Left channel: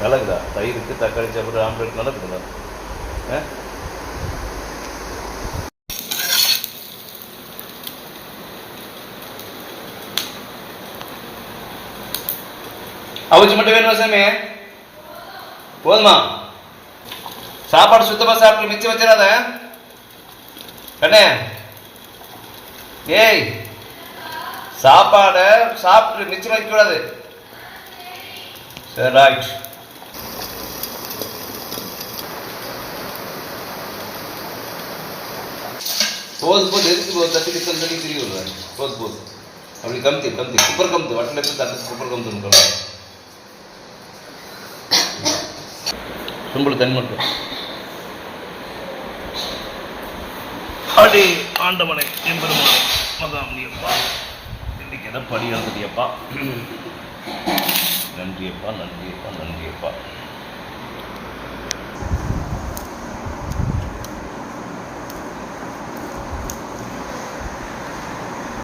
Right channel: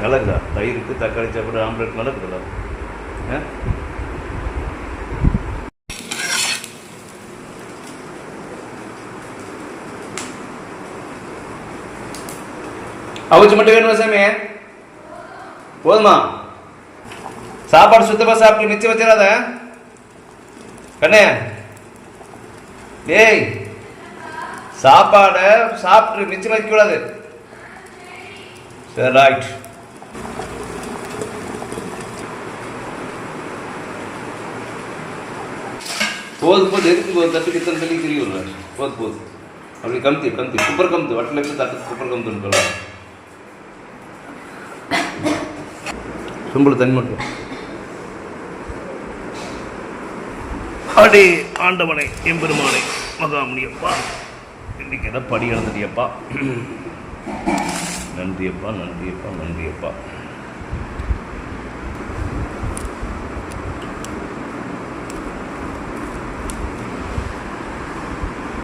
நல்லதுதா தயிருக்கு தக்காளி சாப்பிட்டு ஆம்லேட் நடக்குதுல்ல. அவிச்சு மட்டும் வேணுமா சாமி? போதுமா? சாப்பாடு சுத்தமாக சாப்பிட்டு மிச்சம் வச்சிடாத கண்ணே. ஏய், சாப்பாடை சாப்பிட்டு மிச்சம் வைக்கக்கூடாது. சரி, ரைட். போது எதுக்கு தட்டுக்கு எத்தனை தண்ணி தெரிய விடுவேன். போது அப்படி கமுத்தி குப்பர் கமுத்து வட்டில் எப்படி தட்டு குப்பர் கமுத்துன்னு சும்புல தண்ணி மட்டும். அடே ஆண்டவனை எம்பெருமானை மகாமுனியப்பா, இன்னைக்கு எதை படி வந்துட்டியப்பா. நன்றியப்பா.